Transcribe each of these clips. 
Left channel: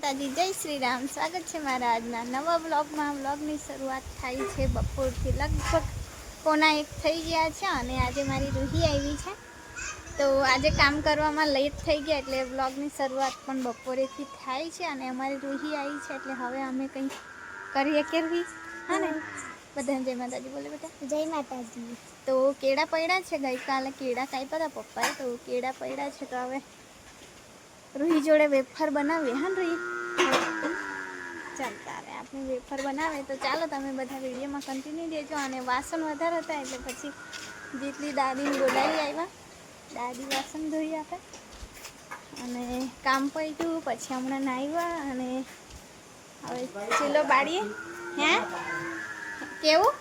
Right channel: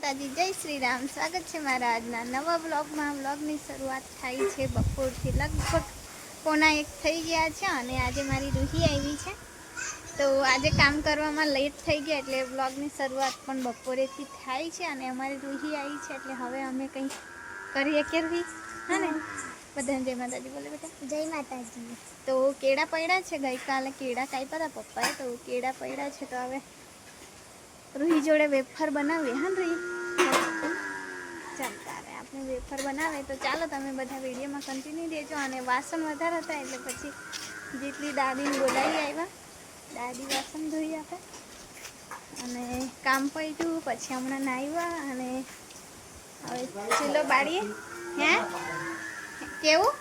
માતાજી, જય શ્રી રામ. સ્વાગત છે મારા આજના નવા વ્લોગમાં. વ્લોગની શરૂઆત થાય છે બપોરથી. લગભગ 1:45 થઈ ગયા છે અને આજે મારી રૂહી આવી છે, તો આજે કામ કરવામાં લેટ થઈ ગયા એટલે વ્લોગની શરૂઆત પણ બપોરેથી થાય છે. અને અમારી રૂહી આવી છે એટલે હવે અમે કંઈક કરીએ કે રૂહી? હા ને, બધાને જય માતાજી બોલે બેટા. જય માતાજી. તો કેળા પડ્યા છે, ગઈકાલે કેળા કાપ્યા હતા પપ્પાએ, તો કેળા પડ્યા છે. તો હવે રૂહી જોડે વેફર બનાવીએ. હા રૂહી, ચાલતા રહે આપણે વેફર બનાવે. તો ચાલો તમે બધા વિડીયોમાં કન્ટિન્યુ દેજો. અને વાસણ વધારે હતા એટલે પછી જેટલી દાદીને બોલાવી આવ્યા, દાદી વાસણ ધોઈ આપે અને કામ પડ્યું. પછી હમણાં નાહ્યા અને હવે ચૂલો બાળીએ. હે કેવું?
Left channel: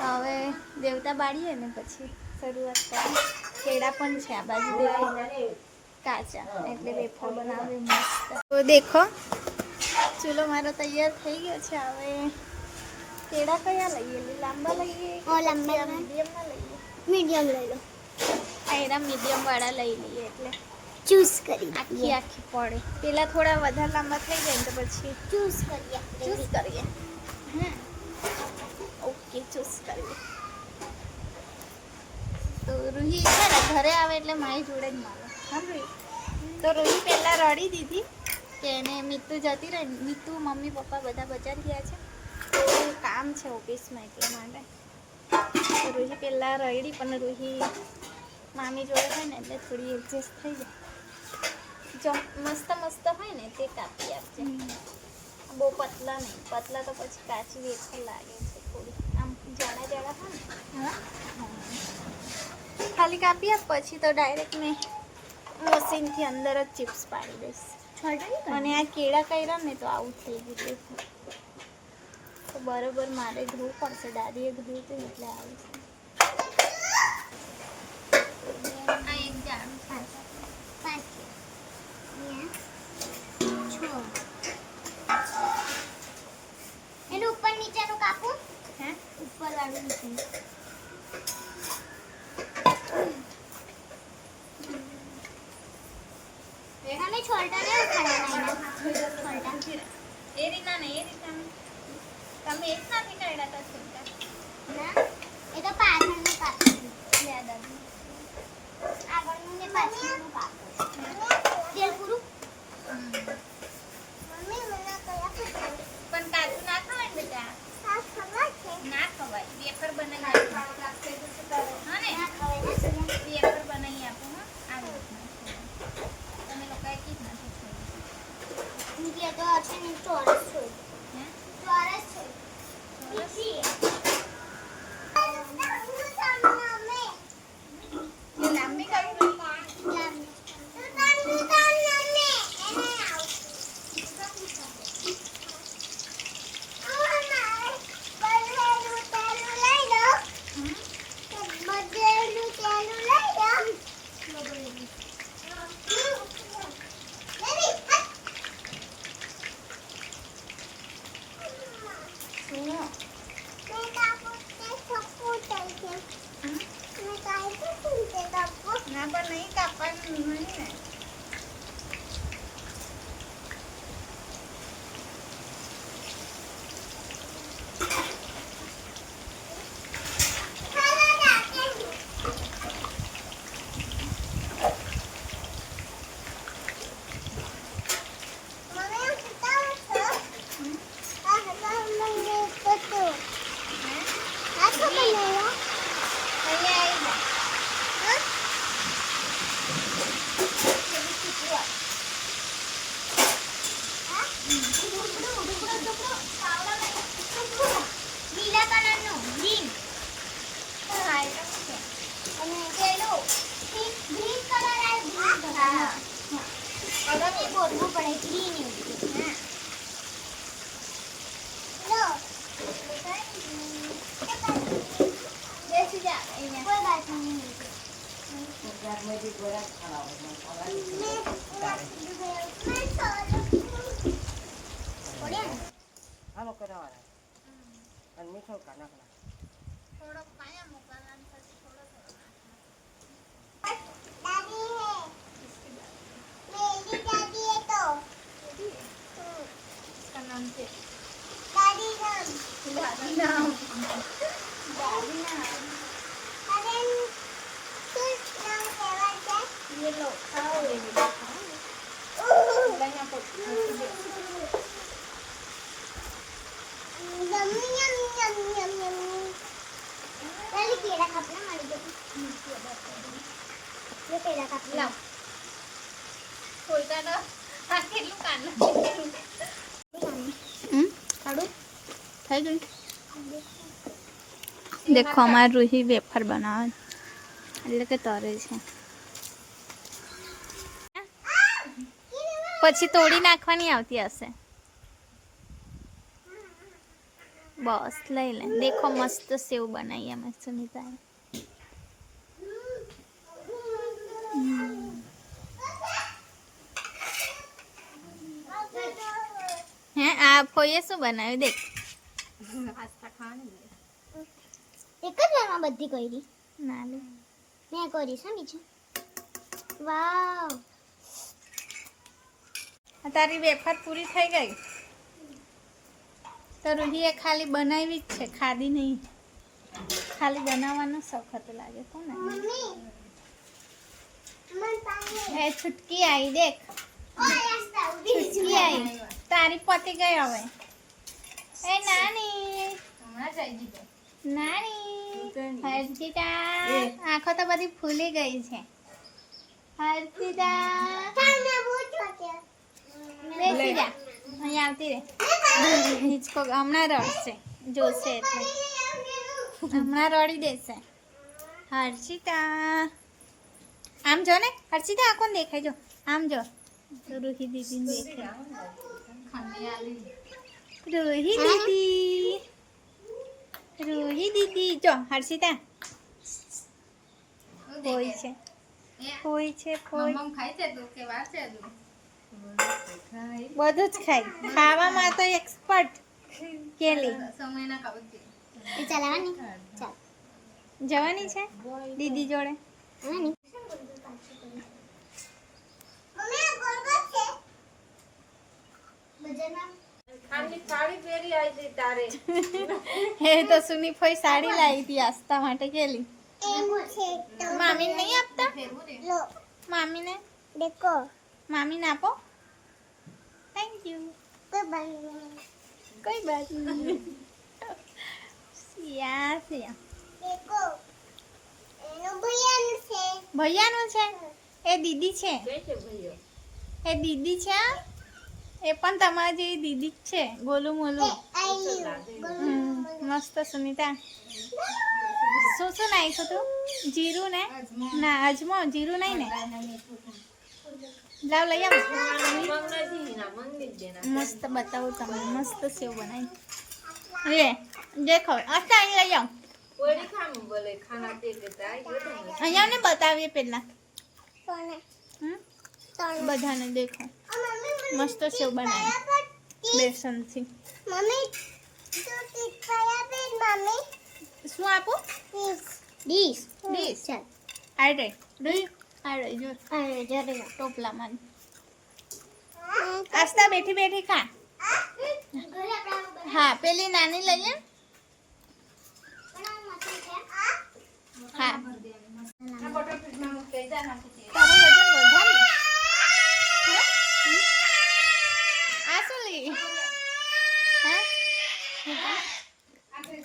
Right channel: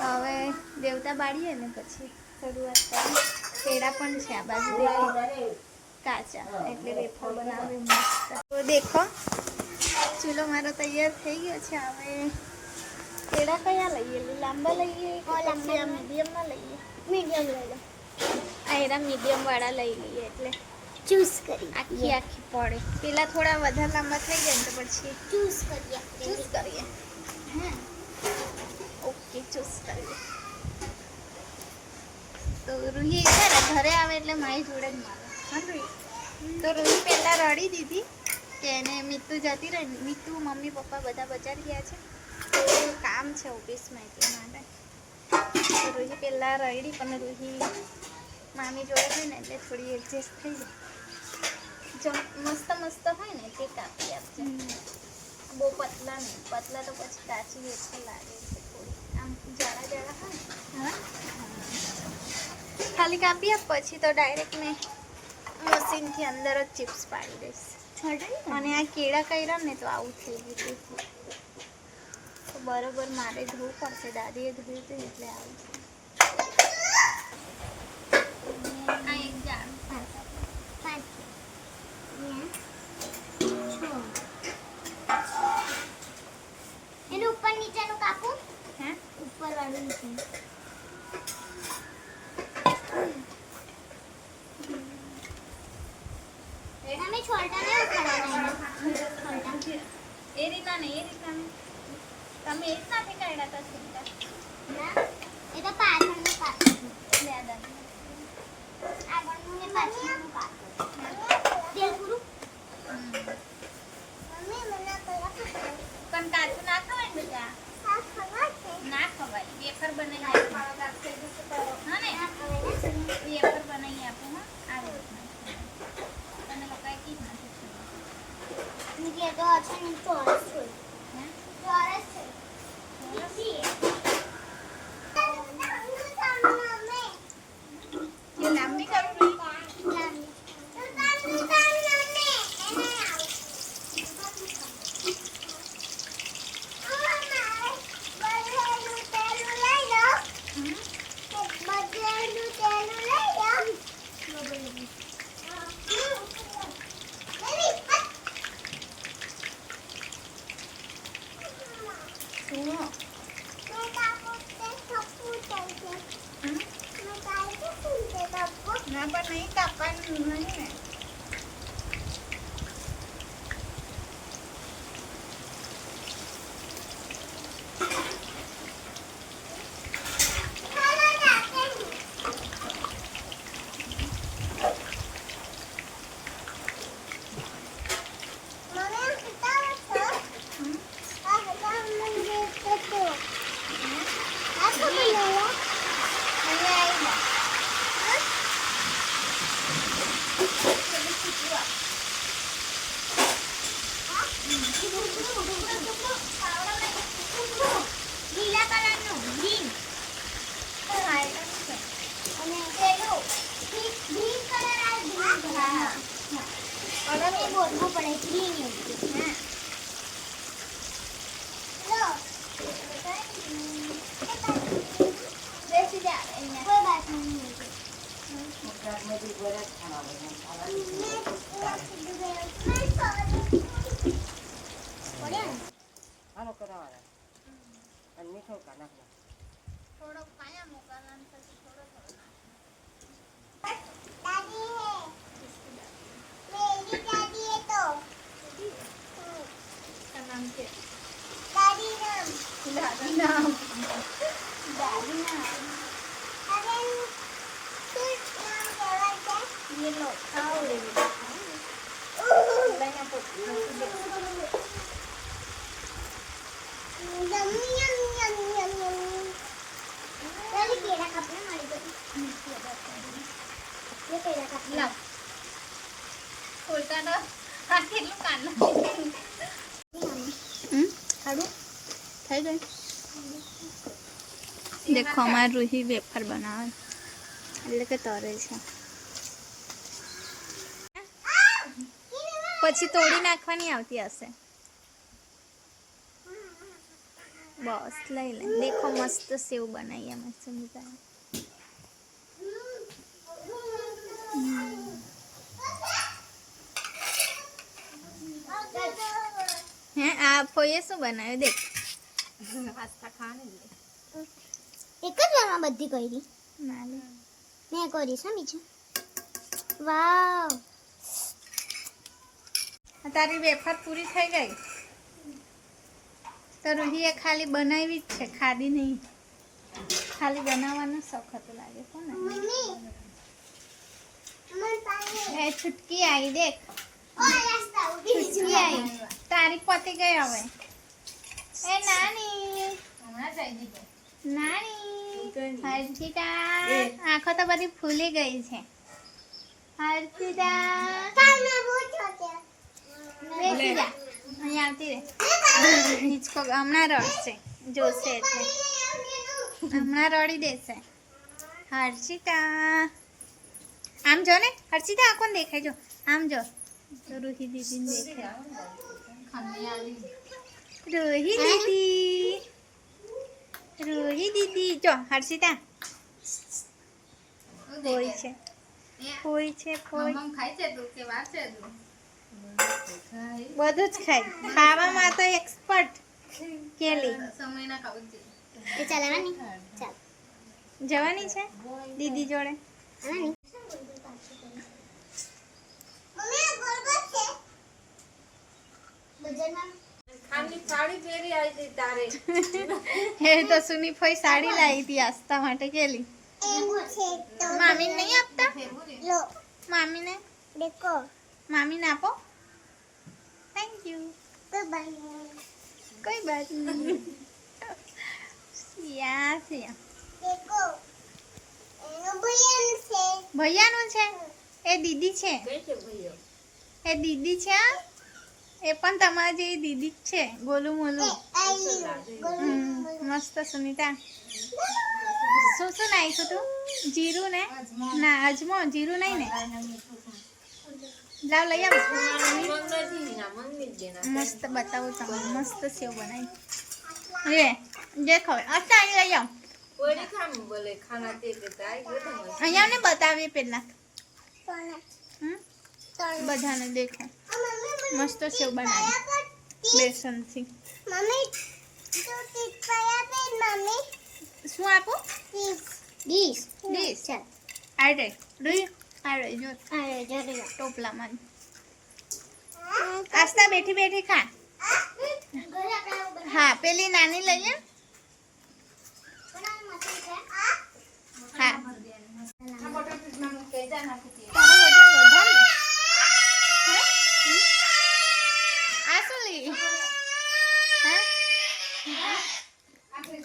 તો હવે દેવતા બાળીએ ને પછી શરૂઆત કરીએ. કેળા પણ છે આ બાજુ, દેખો કાચા, એટલે વેફર બનાવે મસ્ત. તો દેખો ચૂલો મારો તૈયાર થઈ ગયો છે. હવે કેળા કયા લઈએ? લાંબા લઈએ કે મીડિયમમાં લઈએ? મીડિયમ લઈ લો. આ એના મીડિયમ વાળા લઈ લઈએ એટલે ચૂઝ કરી આખી પડે. પેલા થોડા વધારે લાંબા થઈ જાય ને તો પછી ચૂઝ કરીએ. હા ઓકે, ચૂઝ કરીએ. તો રૂહી છે ને ઘરે આવે એટલે મારી જોડે જ મારે. હા રૂહી, તો રૂહી પહેલાં રડી દીધી કે એને મીતુ જતી રહી. મીતુ મમ્મી પપ્પા બધા બજાર ગયા છે, તો કામ છે ઓફિસમાં એટલા માટે. તો રૂહી પહેલાં રડી, પણ રૂહી મામી જોડે હોય ને એટલે થોડી એડજસ્ટ થઈ જાય. જો મસ્ત મસ્ત હોય ને તે કાપી આપજે, બહુ પતલા નહીં. પતલા તો પછી કાચી વેફર લાગે છે થોડી. આમ જાડા જાડા હોય ને, હા ખાલી કાપી આપ, પછી તો ડાયરેક્ટ મેં મશીનથી અંદર જ ચિપ્સ પાડી દઈશ. અને આ કેળા કર્યા ને તો આવું થઈ ગયું. તો બરોબર મારે ધોવું પડશે. દાદીએ ધોયું હતું એટલે આવું છે. આ એક જાણ એનું ઉપર નીચેનું કાપું. હે ઉપર વાળું નીચે. તમે છોલટા ને ઉખાડવાના એ રીતના નહીં, એ રીતના નહીં. તમે એક નથી કાઢ્યા હતા છોટા? ના, એ તો પાછળનું કાપું. લે દાદી આગળનું ને પાછળનું કાપું. તેલ પૂરું. મમ્મી મને કયા પૂછો? પણ કાચું ના ખવાય ને બેટા. આ ખબર છે. ના ખવાય. વેફર બનાવી આપો. હા ને, વેફર બનાવી આપો. હા, આવી રીતના તમે લોકોએ કી જ નથી ખાઈ. નીચે તો છે ને ચોરસ છે. હે ચોરસ છે. લાંબી કાપી. ના પણ નહીં કાપવાનું નહીં ને. લીલા કલરનું ગ્રીન છે અને પેલું ગ્રીન કલર આ ગ્રીન હા કલર એ બોલવું પડે ગ્રીન હા લો બેસી જા અહીંયા. કોઈ બાત નહીં થોડો પાયા મૂકવાના પછી થોડો થોડો નાખવાનો. લાવ ખોલતા તો આ કેટલું કાઢનું થઈ ગયું દેખો અમારે રૂહી વેફર બનાવે એટલે કે તરે છે પછી તોડી નાખવાની આવતી હશે બસ લઈ લે દેખો મસ્ત સેવ બનાવી અમે સુમિતાએ હે આ ફોઈએ શું બનાવ્યું દેખ એક જ વારમાં બધી કરી ના લે મેં કરીશ હા બીજું વાવ તારી વેફર પૂરી થઈ ગઈ તો રૂહીએ ખાલી બનાવી જ છે ખાધી નહીં ખાલી બનાવવાનો શોખ હતો લાગે છે ને મમ્મી મન પાણી એ છૂટકી આવી દેખ ઓય છૂટકી આવી તારી પતી ગઈ હવે એ નાની હર્ષિતા આંખો તો બધી ફૂલી ગઈ છે હર્ષિતા કામે પૂછો કે બેસી જા અહીંયા આવતી રે હિચકો હમણાં રડશે જોશે એટલે હમણાં રડી દેશે હર્ષિતા આમ જો ને હર્ષિતા આ કોણ દેખાય જો આમ જો તો રૂહી દીદીને દેખાય રૂહી દીદી જો હર્ષિતા હોય છે ફોઈ બધું જ ખાય ખાવામાં તો એક્સપર્ટ કેલી એ ચલાવવાની ચાલ જવાની છે દીદી જોડે આની મમ્મી ગોળ ગોળ છે બજારમાં એ તો સુની ફોઈ સાડી લાવી હતી આસ્તા માટે કેલી એવું છે તો મામી નહીં આપતા લો મામીને દેખો મામીને આપો થેન્ક યુ તો બની કોઈ બાત નહીં સિયા સિયા દેખો એનો ભૈયાનું છે ભૈયાનું છે એ દીદી છે એ દીદી છે આ? એ પણ તમારી જેવી દીદી જ છે ગોલું મોલું મસ્ત સુનિતા શું શું નાખ્યું તું જીરું ને ના અજમો જીરું નહીં ને લાવ લઈ આવ મસ્ત બતાવું તમને મસ્ત સેવ બનાવી એ દેખો અચ્છા લઈ આવ અહીંયા ને બતાવીએ પેલા બધાને દેખો મસ્ત સેવ બનાવી બેસનથી મમ્મી તો ટીપ પયા બે મમ્મી શું આપું ડીશ ડીશ ચાલ આડે જોઈ આડે જો અરે જરે ટોપલામાં આસ્તા બેઠી બેઠી ખા હા પેલી નાની લઈએ હા તારું વજન વધારે હા? આ શું લી હા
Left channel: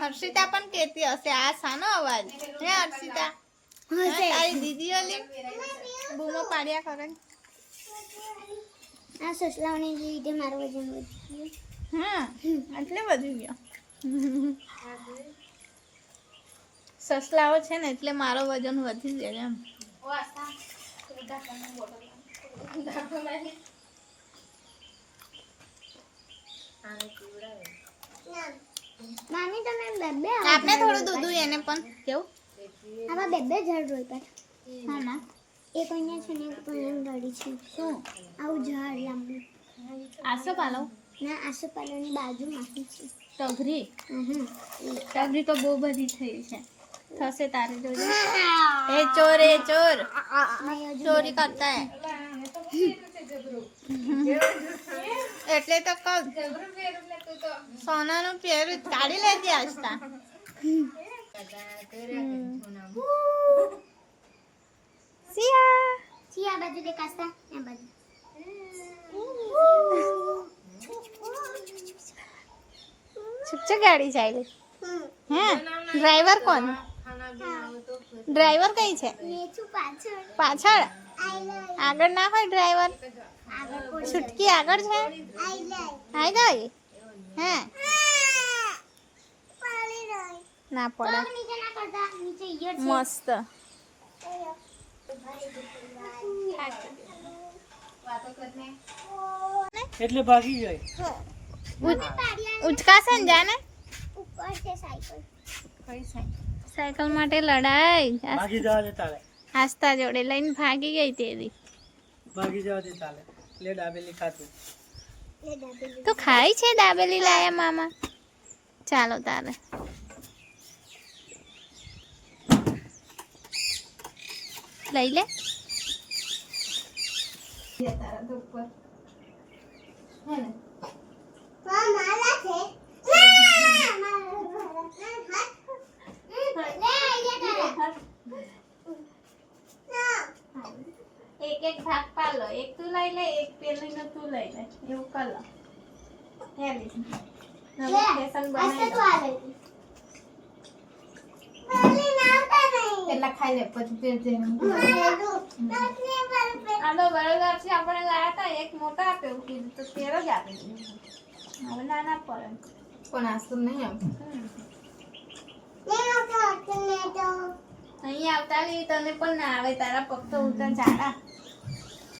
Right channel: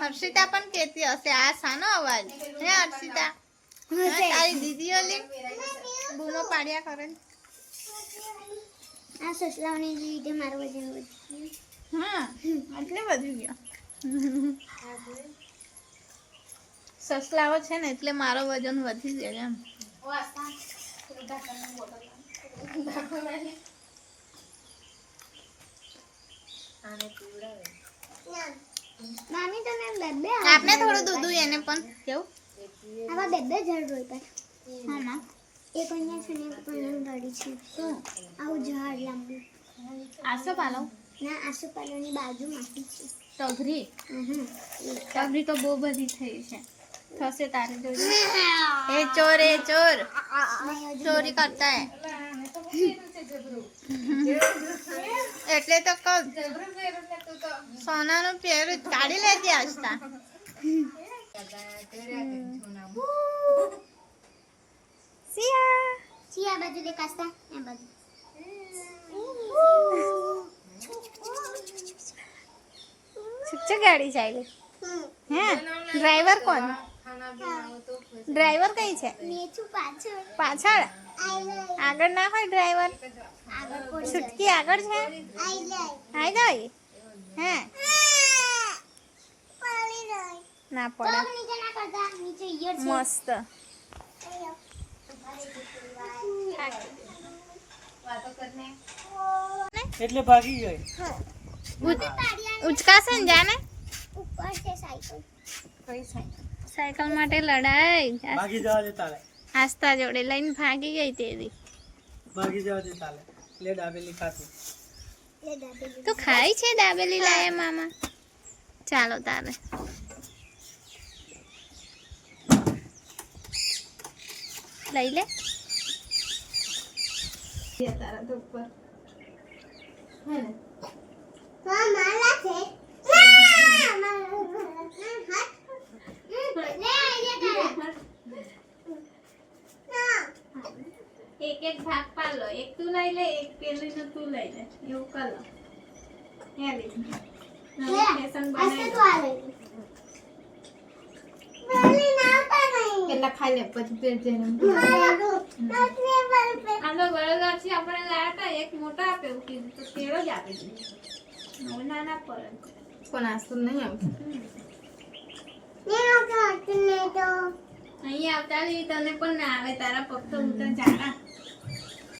હર્ષિતા પણ કહેતી હશે આ શાનો અવાજ હે હર્ષિતા હા, તારી દીદીઓ લે બૂમો પાડ્યા કરે આ સસલાઓને લીધે મારું વજન વધ્યું હા એટલે વધી ગયો સસલાઓ છે ને એટલે મારો વજન વધી જાય એમ નાની તમે બેબે આપણે થોડું દૂધ એને પણ કેવું આવા બેબે ઝાડ રોપ્યા હા માં એક અહીંયા છે ને એક પણ રડી છે શું આવું ઝાડ લાંબુ આસો પાલવ ના આસોપાલવની બાજુમાંથી છે ટગરી હમ ટગરી તો બહુ બધી થઈ છે થશે તારે જોજે એ ચોર ચોરી કરતા હે એટલે તો કહું સોનાનું પહેરું કાઢી લેતી આજતા સિયા છી આ બાજુ દેખાસ્તા આ બાજુ છે ગાડી ચાલે હે ડ્રાઈવર કોણ ડ્રાઈવર કઈ છે નેચું પાછળ પાછળ આગળ ના હોય ડ્રાઈવર આગળ પડી છૂટકી આગળ છે આઈ જાય આઈ ગઈ હે પડી જાય ના તો પડે નીચે ના કરતા નીચે ઈયર છે મસ્ત એટલે ભાગી જાય ઉચકાશે ને જાને ઉપર છે સાયકલ સાયકલ માટે લડાઈ ભાગી જવા દે તાલે આસ્તા જોડે લઈને ભાગી ગઈ તેવી ભાગી જવા દે તાલે લે દાબેલી ખાતું એ દાદી તું ખાઈ છે દાબેલી લાયા મામા ચાલો તારે લઈ લે હા માલા છે એક એક ભાગ પાલો એક તું લઈ લે એક પેલી નો તું લઈ લે એવું કર લો હે લી નવું ફેશન બનાવી દો પેલા ખાઈ લે પછી પેટ જઈને આનો બરાબર છે આપણે લાયા હતા એક મોટા આપે એવું કીધું તો તેરો જ આપી દીધું હવે નાના પડે પણ આસું નહીં આવતું અહીંયા આવતા તને પણ ના આવે તારા પગ તો ઉતર ચાડા